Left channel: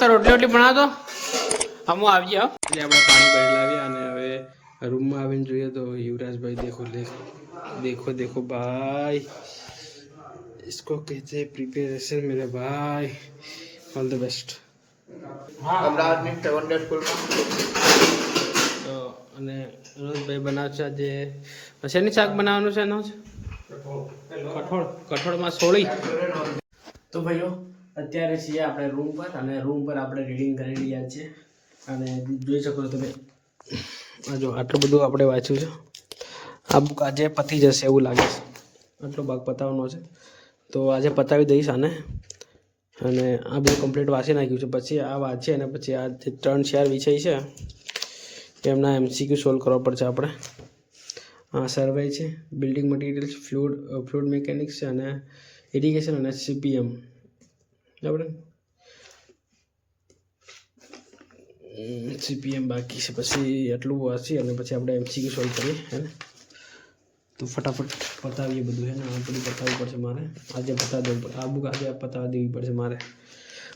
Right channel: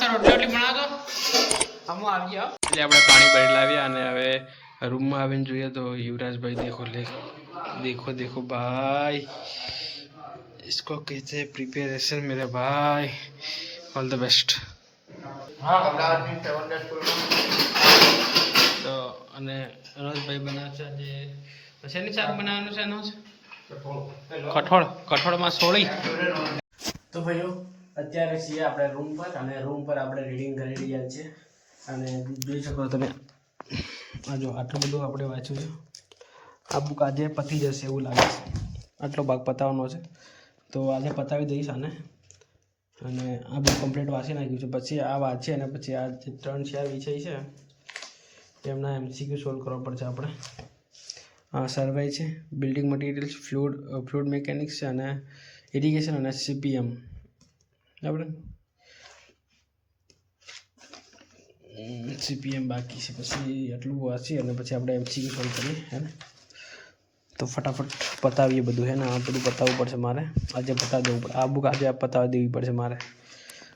મસ્ત રોટલી બનાવતો હમું આવી ગયા એટલે આપણે પાણી ભરી લાવ્યા અને હવે રૂમમાં આવીને જોઈએ તો યુવરાજભાઈ देखो देखो भाई इसको कहते हैं प्रिपरेशन मेरे भाई ऑल द बेस्ट તો અને રણોજભાઈ બનાવશે આજે શેની શાક બનાવવાનું છે એનો કઠોળમાં સોળી તો ભાઈઓ અત્યારે છીએ આપણે રૂમ પર અને રૂમ પર આપણે રીડિંગ કરી રહ્યા છીએ અને જોઈ શકો તમે આ જો આટલું બધું આપણે વાંચ્યું છે આ બુક આજે પતી જશે એવું લાગે છે આટલો ભાગ પતાવવાનો છે તો આજે પતાવી દઈશ આને અને આ બધું કમ્પ્લીટ વાંચી નાખ્યું છે પછી આ વાંચીએ અને પછી આ જે 3-4 વિષય છે એમના MCQ સોલ્વ કરવા પડશે આપણે આ સર્વે છે બિલ્ડિંગ મટીરિયલ્સ ફ્લુઇડ મિકેનિક્સ છે અને ઇરિગેશન અને CPM બરાબર CPM બાકી છે પછી એટલું વાંચી અને પછી આપણે MCQ સોલ્વ કરીએ હે ને તો ફટાફટ પતાવીએ બધું હે ને આ બધું પતાવવું પડશે મારે આજે પતાવી દેવું પડે આ બુક આજે પતાવી દેવી પડશે મારે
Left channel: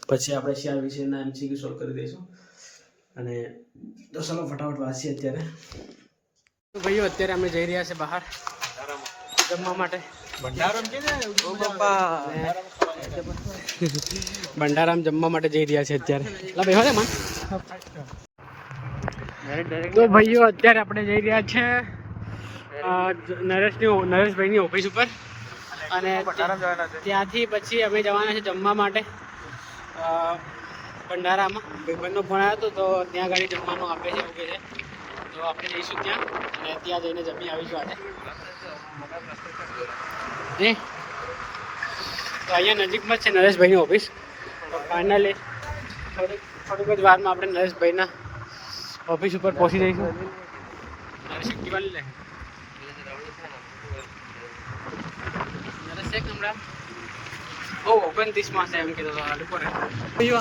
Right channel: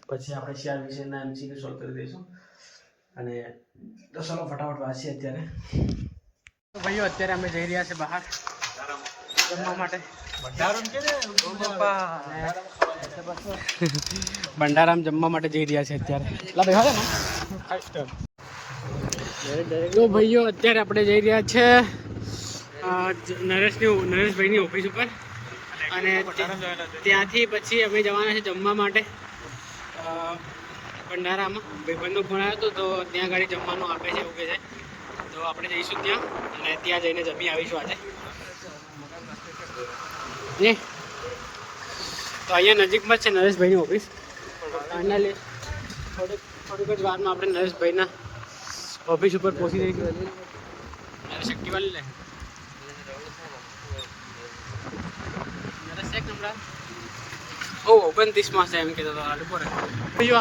પછી આપણે 4 વિષયના MCQ સોલ્વ કરી દઈશું અને તો ચાલો ફટાફટ વાંચીએ અત્યારે તો ભાઈઓ અત્યારે અમે જઈ રહ્યા છે બહાર જમવા માટે ભંડારામ જમવા માટે જઈ રહ્યા છે અત્યારે લા ભાઈ હોય તો ભાઈઓ અત્યારે આપણે જઈ રહ્યા છે નરેશભાઈની ઓફિસ ઉપર અને ત્યાંથી પછી અમે જવાના છે જમવા માટે ભંડારામાં ભાઈબંધનો ફોન આવ્યો હતો તો ત્યાં ગાડી જમવાનું આપે છે એવું કહે છે તો આપણે જઈશું ત્યાં અને ત્યાં જઈને જમી આવીશું આજે તો અહીંયા નજીકમાં જ છે નરેશભાઈની ઓફિસ તો ફાઇનલી થોડીક જ વારમાં આપણે નરેશભાઈના ઓફિસ ઉપર પહોંચી જઈશું નરેશ એક્ટિવા લે નરેશ એક નંબર 29માં છે એમ કીધું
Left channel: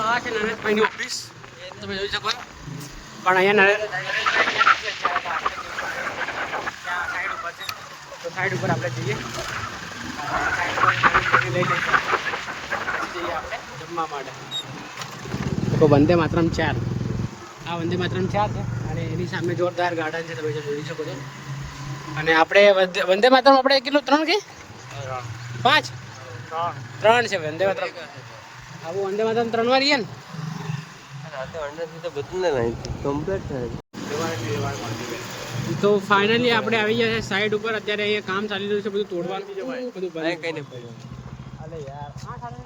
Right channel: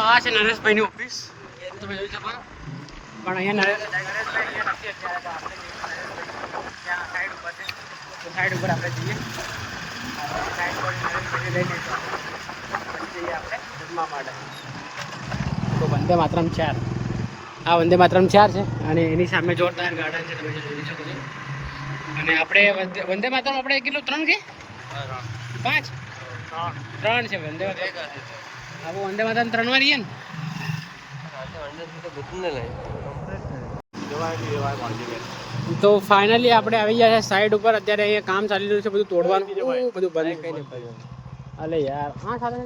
આ છે નરેશભાઈની ઓફિસ તમે જોઈ શકો પણ અહીંયા નરેશભાઈ ત્યાં સાઈડ ઉપર છે તો સાઈડ ઉપર આપણે જઈએ સાઈડ ઉપર નરેશભાઈને લઈ જઈશું જઈએ આપણે જમવા માટે તો વંદે માતરમ 4 આ વંદે માતરમ 4 છે અને એની સામે જોરદાર ગાર્ડન છે તમે જોઈ શકો છો અને આપણે વંદે માતરમ આપણે કેટલું 3 કે 5 3 છે વંદે માતરમ આવું વંદે માતરમ 3 વાર રહીએ ને તો ફાઇનલી આપણે આવી ગયા છે સાઈડ ઉપર અત્યારે અહીંયા કામ ચાલી રહ્યું છે બધું તોડવાનું બધું ભરાય કઈ નહીં પડ્યું અલે યાર હા ચાલે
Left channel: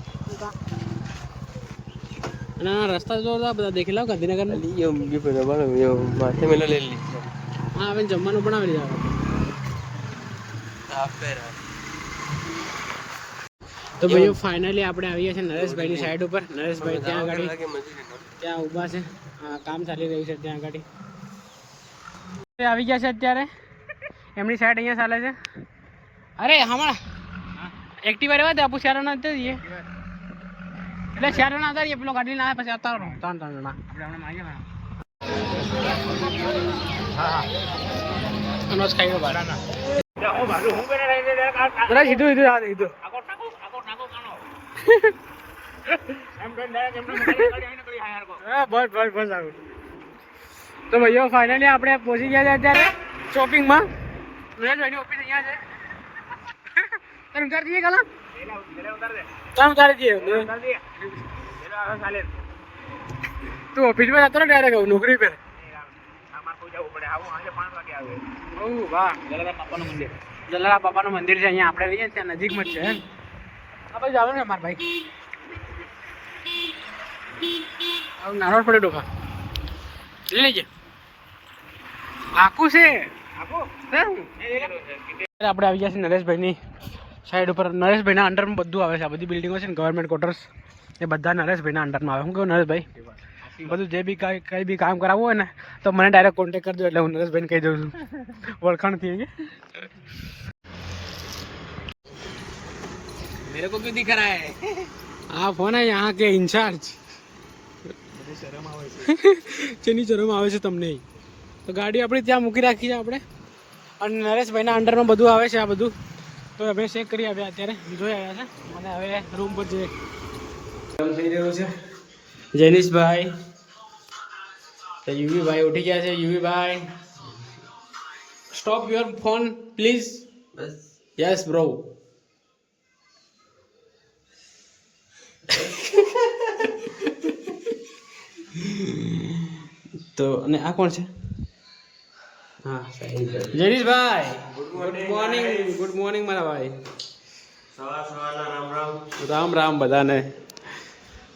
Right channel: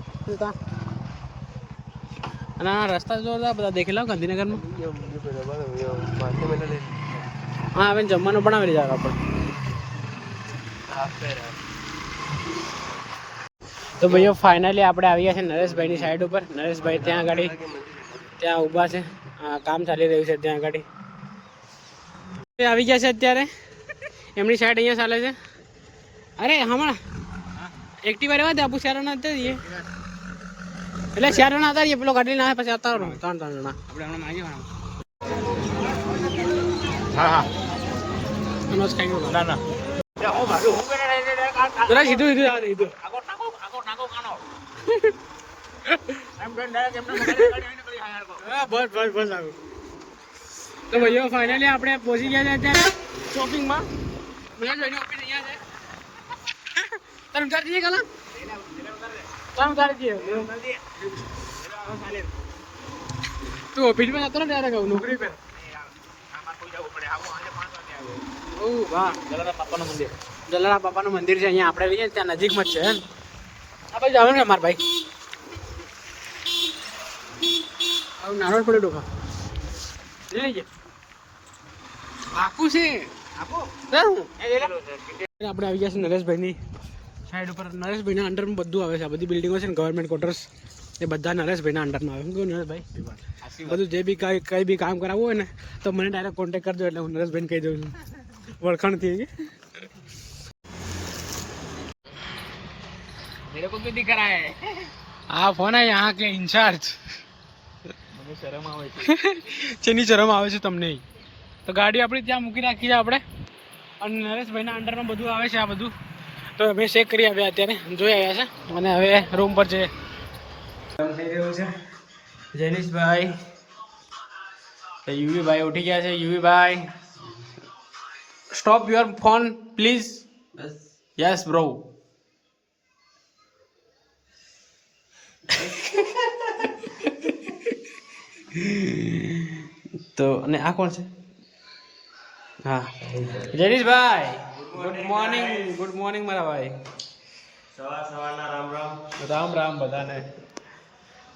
અને આ રસ્તા જોરદાર બધા દેખી લો ગાંધીનગરમાં હા હવે જમવાનું બનાવી લીધા આપણે તો ભાઈઓ ફાઇનલી આપણે આવી ગયા છે નરેશભાઈની સાઈડ ઉપર નરેશભાઈ ત્યાં આગળ ત્યાં ઊભા છે કામ ચાલી રહ્યું છે ત્યાં આગળ આવી ગયા છે અત્યારે એમની સાઈડ અહીંયા ચાલે છે અરે હમણાં એક્ટિવા રહેવા દે આપું 4 જણા હતા જઈએ એટલે 4 જણા હતા પેલો ગાડી ના પછી આવતા 3 જણા આપણે હમણાં માગીએ હા અનોજ ખાઈ ગયો બાર ના સીધું બસ આવું તો ભાઈઓ ફાઇનલી આપણે પહોંચી ગયા છે અત્યારે શોપિંગમાં નરેશભાઈની ઓફિસ અહીંયા છે તમે ઉતારી દઈએ કાલા તમે ઉતારી દઈએ તું ઓફિસમાં જતો ને ડાયરેક્ટ નોકરી પર વાહ જલારામ બાપાનું મંદિર છે અહીંયા આપણે જઈએ ત્યાં નજીકમાં જ છે આ ભાઈ જવાનું ને મારા ભાઈ આવું નારોડ પડે ડોફા લઈ લેજે આખું છે આપણે આવી ગયા છે નરેશભાઈની સાઈડ ઉપર નરેશભાઈના અંડરમાં બધું આવે છે આ બધી બિલ્ડિંગો છે ને ગવર્મેન્ટ ક્વાર્ટર્સ એ બધા નરેશભાઈના અંડરમાં આવે હું કહું નરેશભાઈ બધું જે બી કંઈ બી કામ કરાવવું હોય ને તો મને ડાયરેક્ટ કોન્ટેક્ટ કરજો એટલે હું નરેશભાઈને કહી દઉં છું ઓળખાણથી मेरे को क्यों दिख रहा है आप हो ना यहाँ के इंचार्ज શેની શરમ આવે છે તમને તો ગાડી આપણી ત્યાં મૂકી રાખી છે આપણે અને નરેશભાઈના અંડરમાં બધું આવે છે આ બધું તો અમે ચેક કરી આવ્યા અત્યારે જોઈ આવ્યા છે અને હવે રૂમ પર જઈએ કામ થઈ રહ્યું છે જેનિશભાઈ, તો યુવીભાઈ ઉઠી ગયા છે. યુવીભાઈ, stop your phone please. Yes bro. તો અને આ કોણ છે? હા, જેનિશભાઈ, ગુડ મોર્નિંગ મારા ભાઈ. સવારના રામ રામ. રામ રામ બધાને.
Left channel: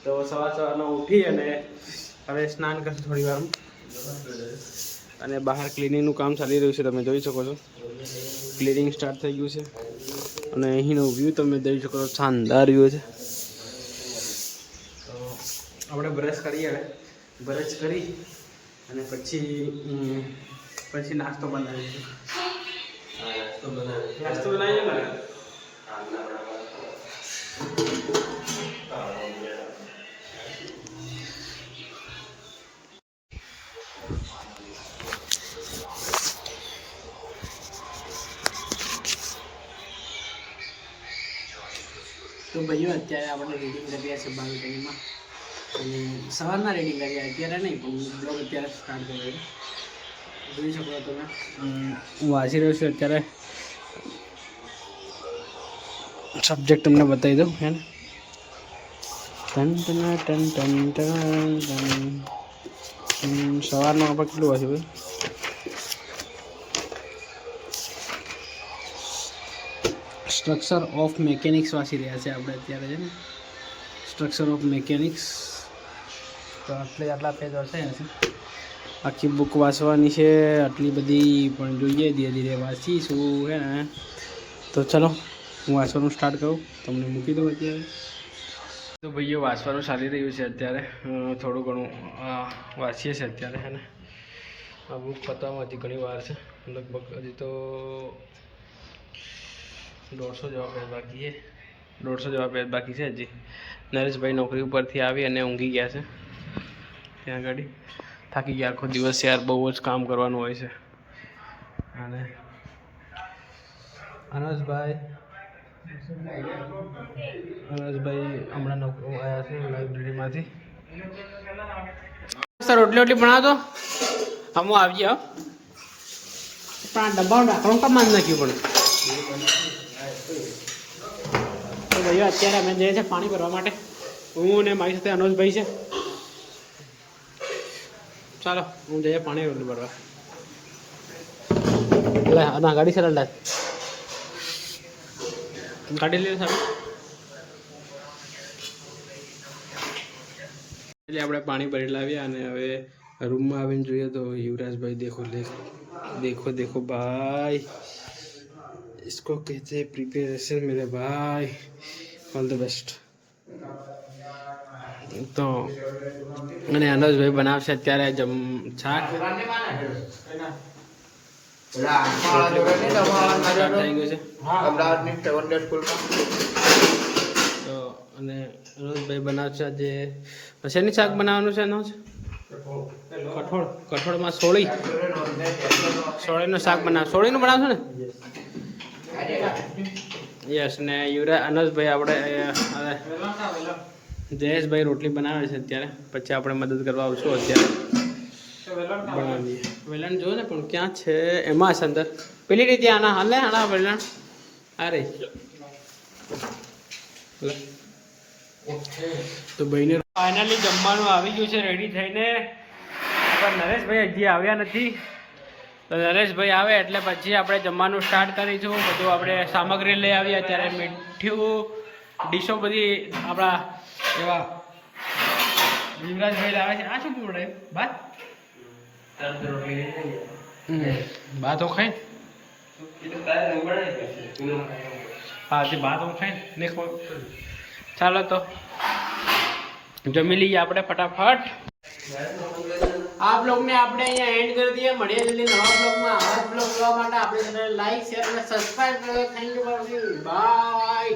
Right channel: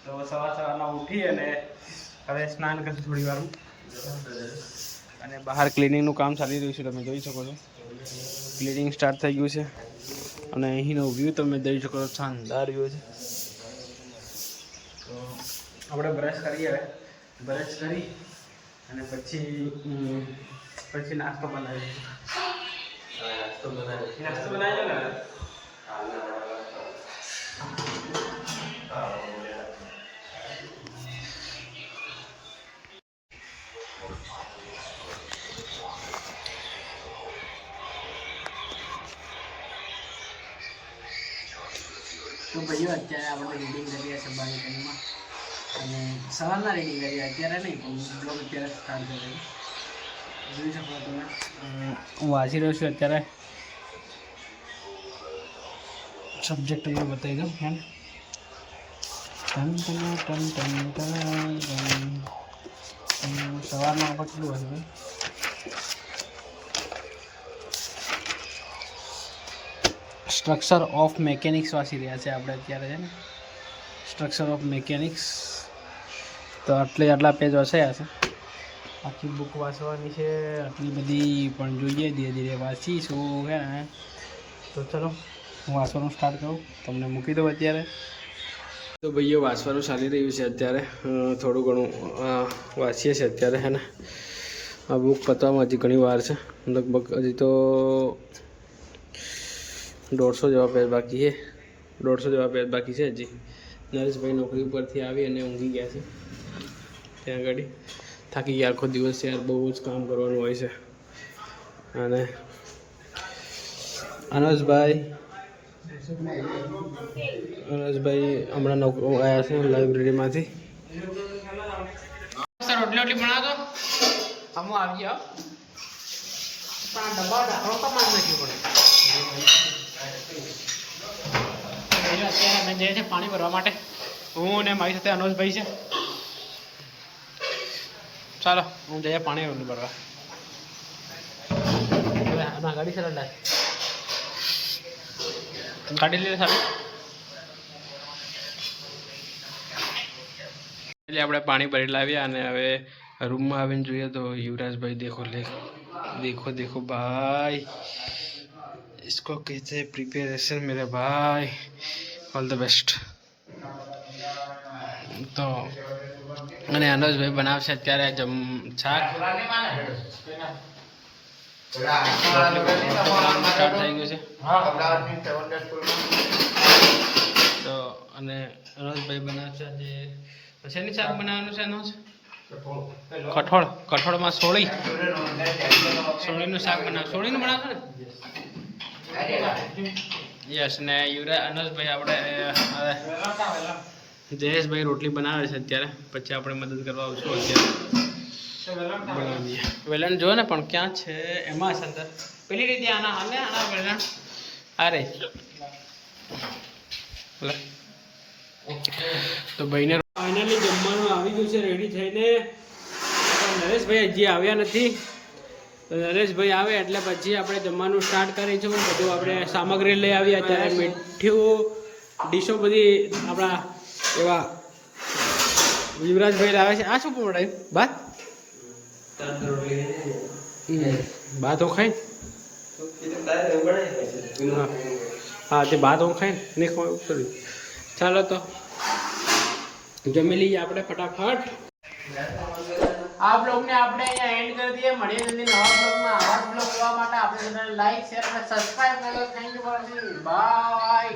તો સવારના ઉઠી અને હવે સ્નાન કરશું થોડી વારમાં. અને બહાર ક્લિનિંગનું કામ ચાલી રહ્યું છે, તમે જોઈ શકો છો. ક્લિનિંગ સ્ટાર્ટ થઈ ગયું છે અને અહીંનો વ્યૂ તમે જોઈ શકો છો, શાનદાર વ્યૂ છે. તો આપણે બ્રશ કરીએ. હવે બ્રશ કરી અને પછી નાસ્તો બનાવીએ. નાસ્તો બનાવીએ ને. તો ભાઈઓ અત્યારે આપણે રીડિંગ કરીએ છીએ બાલ્કનીમાં અને સવારના રીડિંગ કરીએ, અત્યારે નહીં પણ બ્લોગ અત્યારે સ્ટાર્ટ કરીએ. જોઈ શકો તમે હું વાંચી રહ્યો છું અત્યારે. સબ્જેક્ટ તમને બતાવી દઉં હે ને. સવારમાં આપણે કેટલું વાંચ્યું ભાઈ? સ્ટ્રક્ચર ઓફ મેકેનિક્સ વાંચી રહ્યા છે આપણે અત્યારે છે ને. Structure of mechanics. તો આટલા પેજ વાંચાયા છે. આખી બુક વાંચવાની છે આટલી બધી, પણ જોઈએ ધીરે ધીરે વાંચીશું હે ને. તો ચલો હું વાંચવાનું સ્ટાર્ટ કરું, તમને મૂકી દઉં અત્યારે. તો ભાઈઓ વાંચવાનું ચાલી રહ્યું છે અત્યારે. થોડું ઘણું વાંચીએ છીએ અત્યારે હે ને. આ બુક પતવામાં હજી ઘણી વાર છે, લગભગ હજી તો 150 જેવા પેજ બાકી છે. 150 જેવા પેજ બાકી છે હજી. નરેશભાઈ નોકરી ઉપરથી આવી અને ઊંઘી ગયા છે ત્યાં આગળ. થાકી ગયા આખો દિવસ યાર, બહુ જ કામ કરવાનું હોય છે. અને અનસભાઈ હમણાં આવ્યા છે લાઇબ્રેરીમાંથી. રોટલી બનાવો તો હું આવી જાઓ. પણ આ ડબ્બાનું રાખવાનું કામ જ નાખ્યું પડે. તો ભાઈઓ અત્યારે અમે જઈએ છીએ પાણી ભરવા માટે. હું ને મારી સાથે અનોજભાઈ છે. ચાલો હું જઈએ પાણી રોટલી ભરવા. ના ગાડી છે ગાડી લઈને સાહેબ. એટલે આપણે પાણી ભરી લાવ્યા અને હવે રૂમમાં આવીને જોઈએ તો યુવરાજભાઈ દેખો ભાઈ, इसको कहते हैं प्रिपरेशन मेरे भाई. All the best. તો અને અનોજભાઈ બનાવશે અત્યારે શાક. સ્ટાર્ટ થઈ ગયું છે. તો અને અનોજભાઈ બનાવશે આજે શેની શાક બનાવવાનું છે? અનોજ કઠોળમાં સોળીનું શાક સોળીનું બનાવશું ને? યસ. ને અનોજભાઈ આપણે જયેશભાઈ રોટલી બનાવે છે અત્યારે, પછી આપણે મદદ કરવા આવશું. અત્યારે બનાવીએ. વેલણ જો ને પણ ક્યાં છે? એમાં છે અંદર પેલી રીતે. આના વેલણ આ રે. તો ભાઈને ફાઇનલી જમવાનું આવી ગયું છે રેડી થઈને. આપણા નરેશભાઈ હજી આવ્યા નથી. તો નરેશભાઈ આવે એટલે પછી આપણે જમવાનું સ્ટાર્ટ કરીશું. બધું આપણે સામગ્રી લઈ આવીએ અત્યારે. મીઠું ડીશો બધી આપણા એવા યુવરાજભાઈ આવે છે. આ શું બનાવ્યું? ભાત હો ખાઈ. હા તે ભાત હો ખાઈ ને ખવાય. ચાલો તો જમી લઈએ આપણે ફટાફટ. આ બ્લોગને આપણે અહીંયા એન્ડ કરી દઈએ. મળીએ જલ્દી નવા બ્લોગમાં. આવા જ બ્લોગ જોવા માટે આપણે લાઈક, શેર અને સબસ્ક્રાઈબ કરો. Thank you for watching. By.